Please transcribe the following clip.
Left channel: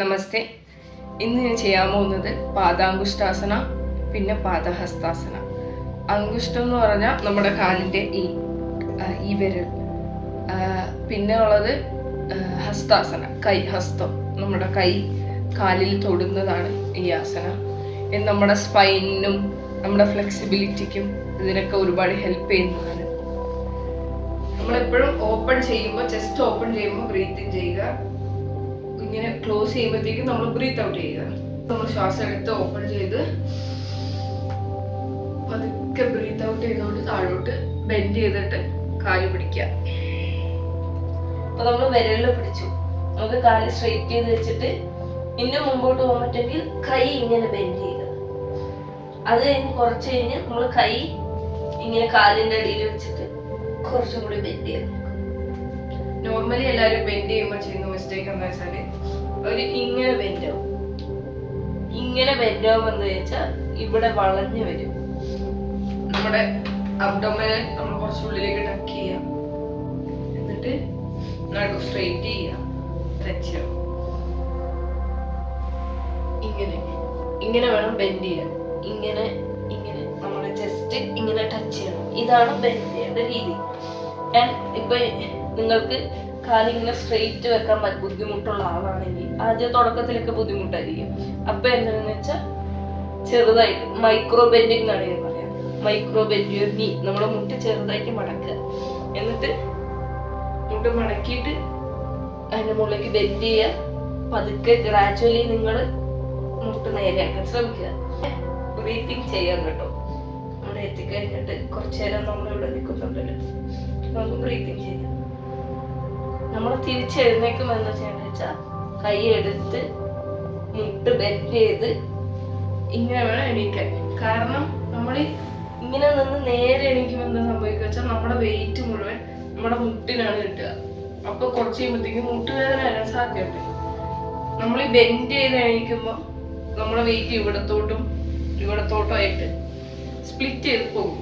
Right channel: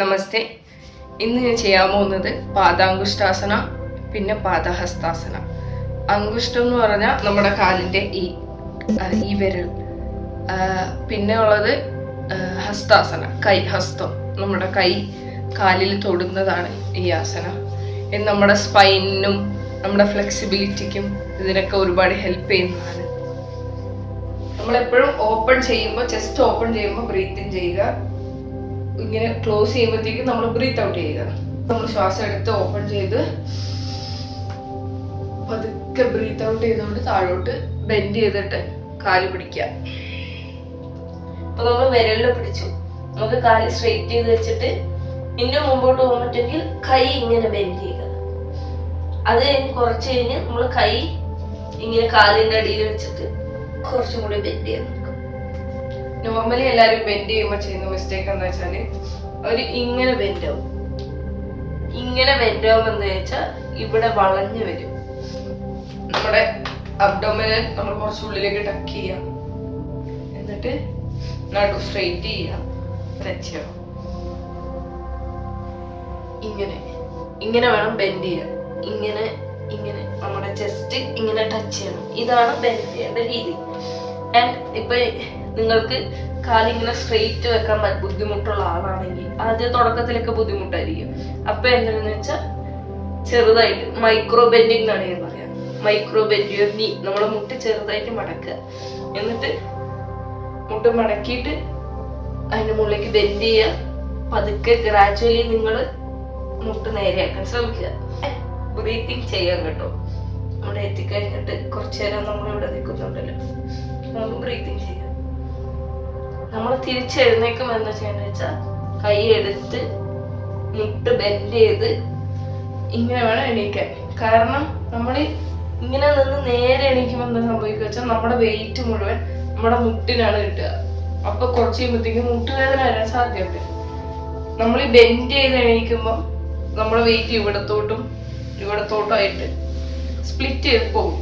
നമസ്തേ. ഇന്ന് ഞാൻ ചെയ്യാൻ പോകുന്നത് പാദാങ്കുഷ്ടാസന, പിന്നെ പാദഹസ്താസന. അങ്കുഷ്ടം എന്ന് പറഞ്ഞാൽ നമ്മുടെ കാലിൻ്റെ ഈ വിരൽ. പിന്നെ ഉള്ളത് ഹസ്താസന, ഹസ്തം. നമ്മുടെ കൈ കാലിൽ തൊടുന്നതാണ് ഈ ആസന. ഇത് നമ്മുടെ സ്പൈനിനും നമ്മുടെ ഫ്ലെക്സിബിലിറ്റിക്കും ഇതിനൊക്കെ ഒരുപാട് ഹെൽപ്പ് ചെയ്യുന്നതാണ്. നമ്മളെപ്പോഴും ഓപ്പൺ ചെയ്യുമ്പോൾ, ചെസ്റ്റ് ഓപ്പൺ ചെയ്യുമ്പോൾ ബ്രീത്ത് ഇൻ ചെയ്യുക. ഇങ്ങനെ ക്ലോസ് ചെയ്യുമ്പോഴത്തേക്കും നമ്മൾ ബ്രീത്ത് ഔട്ട് ചെയ്യുക. നമ്മൾ ശ്വാസം എടുത്ത് ഓപ്പൺ ചെയ്ത് പതുക്കെ ബ്രീത്ത് ഔട്ട് ചെയ്തുകൊണ്ട് താഴോട്ട് ബെൻഡ് ചെയ്തിട്ട് കാല് പിടിക്കുക. അപ്പൊ നമ്മൾ വിരലിൽ പിടിച്ചു, നമുക്ക് കാല് സ്ട്രെയിറ്റ് ചെയ്ത് വെച്ചിട്ട് ഇന്നും മുമ്പോട്ട് പോകാൻ പറ്റുമെങ്കിൽ കൈ ഇങ്ങനെ ബെൻഡ് ചെയ്യുക. അത് കഴിഞ്ഞ് കുറച്ച് കഴിഞ്ഞ് നമ്മൾ കൈ ഇങ്ങനെ കാലിന്റെ അടിയിൽ വെച്ചിട്ട് കുറച്ചും കൂടി ബെൻഡ് ചെയ്യാം. നോർമലി എല്ലാവരും ബെൻഡ് ചെയ്യുമ്പോൾ ചെയ്യുന്ന മിസ്റ്റേക്ക് എന്താ വെച്ചാല് അവര് ഇങ്ങനെ ബെൻഡ് ആവും. ഇങ്ങനെ ബെൻഡ് ആവുമ്പോൾ എന്താ വെച്ചാൽ ഇവിടെ വളഞ്ഞു വരും. നമ്മുടെ അബ്ഡോമിനൽ നമ്മൾ കുറച്ച് ഉള്ളിലേക്ക് ടക്ക് ചെയ്യാം, എന്നിട്ട് നടു സ്ട്രെയിറ്റ് ചെയ്യാം, ടച്ച് ചെയ്യാം. ഇങ്ങനെ വേണം ബെൻഡ് ചെയ്യാൻ. ഇങ്ങനെ നമ്മുടെ ചെസ്റ്റ് ഇങ്ങനെ ടച്ച് ചെയ്യണം. ഇതാണ് ബെൻഡ് ചെയ്യേണ്ട രീതി. ആൻഡ് ഇപ്പൊ നിങ്ങൾക്ക് കാലിങ്ങനെ സ്ട്രെയിറ്റ് വെക്കാൻ ബുദ്ധിമുട്ടുള്ള ആളാണെങ്കിൽ ആദ്യം തുടക്കത്തിലൊക്കെ ബുദ്ധിമുട്ടായിരിക്കും. അപ്പൊ എന്താണെന്ന് വെച്ചാൽ ചെറുതായിട്ട് മൈക്രോ ബെൻഡിങ് എന്നാണ് ഞാൻ പറയാം. മൈക്രോ ബെൻഡ് നീ നമ്മളെ മുട്ട് ചെറുതായിട്ട് മടക്കുക, എന്നിട്ട് മുട്ട് മടക്കിയിട്ട് അതിന്റെ മുകളിലേക്ക് ബെൻഡ് ചെയ്യുക. പതുക്കെ ഗ്രാജുവലി നിങ്ങൾ മുട്ട് നേരെയാക്കാൻ ശ്രമിക്കുക. ബ്രീത്തിങ് ചെയ്യാൻ കേട്ടോ. നമ്മുടെ എത്തിക്കഴിഞ്ഞിട്ട് കുറച്ചു നേരം നമ്മളിവിടെ നിൽക്കുന്നുണ്ടല്ലോ, നമുക്ക് ബ്രീത്തിങ് ചെയ്യാം. നമ്മൾ തിരിച്ചെഴുന്നേക്കും എന്താ ചെയ്യേണ്ടത് വെച്ചാൽ കൈ എടുത്ത് മുട്ട് ബെൻഡ് ചെയ്ത് ഇങ്ങനെ വേണം എണീക്കാൻ. കാരണം നമ്മൾ ഇങ്ങനെ നിന്ന് നേരെ എണീക്കുമ്പോൾ എന്താ സംഭവിക്കുക വെച്ചാൽ നമ്മുടെ വെയിറ്റ് മുഴുവൻ നമ്മുടെ മുട്ടിനാണ് കിട്ടുക. അപ്പൊ കുറച്ച് കഴിയുമ്പോഴത്തേക്കും മുട്ടുവേദന വരാൻ സാധ്യതയുണ്ട്. നമ്മൾ ഈ ബെൻഡ് ചെയ്ത് എണീക്കുമ്പോൾ നമ്മുടെ വെയിറ്റ് ഇവിടത്തോട്ടും ആയിട്ട് സ്പ്ലിറ്റ് ചെയ്ത് പോകും.